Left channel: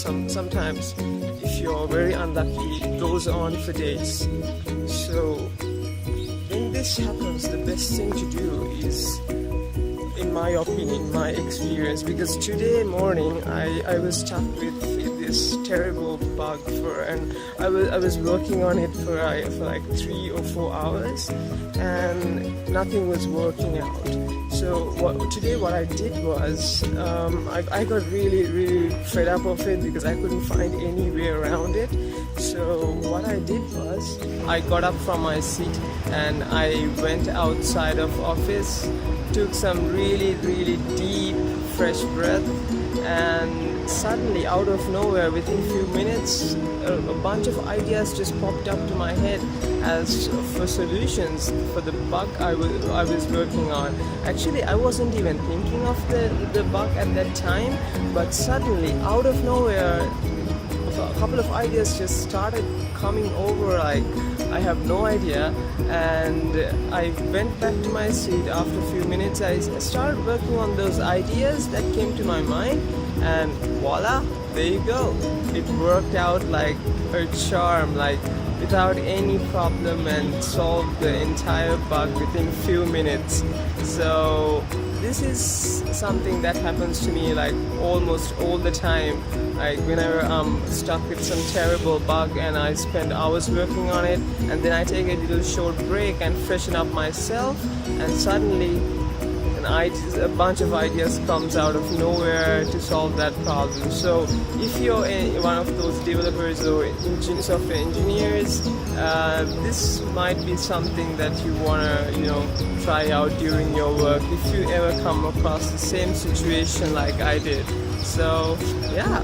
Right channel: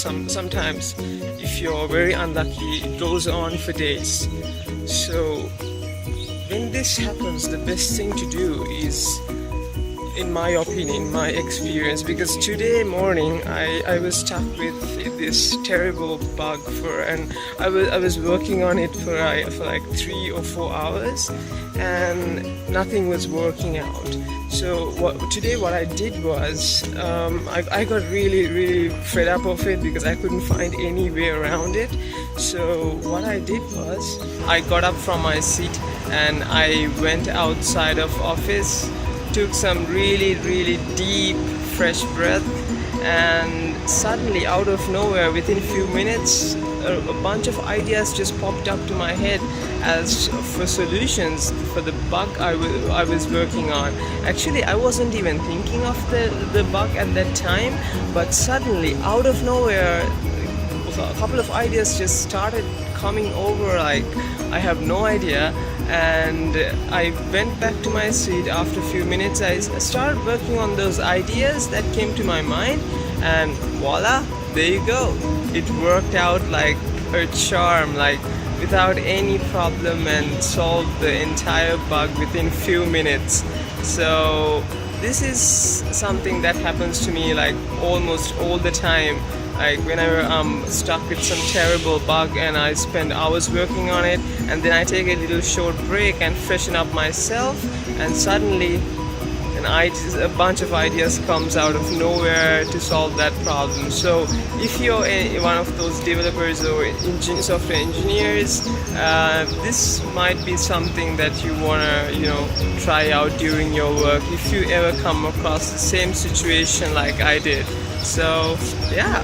sometimes if you're very unlucky, it goes on for days. So when this happens, the best thing to do is, in my opinion, my experience, because today morning I was stuck with this terrible bug and I was working on it for like 3 or 4 hours and nothing was working out. So today what I did was I got really fed up of it because I couldn't find any way around it. So what I did was I got up from my seat and I went outside of office, took some really deep fresh breath, and suddenly out of nowhere within a few minutes a bunch of ideas just popped up to my head as for solutions for the bug I was working on. Actually I wasn't even thinking of the bug at that time, but suddenly out of nowhere a couple of ideas just started coming over like I have no idea, and I went back to my seat. After a few minutes I started working on those ideas that came to my mind, and voila, there you go. It worked out like a charm, like without any problem, and solved the entire bug within few minutes. So this is something that happens to me like almost all the time. Like whenever I'm stuck with some terrible bug and I spend hours working on it, and then I take a little short break and freshen up myself, and suddenly a bunch of ideas comes out of nowhere to solve that problem. So if you're one of those developers or software engineers, this might be something that you wanna try out during your work if you ever come across the same situation like I did. So yeah,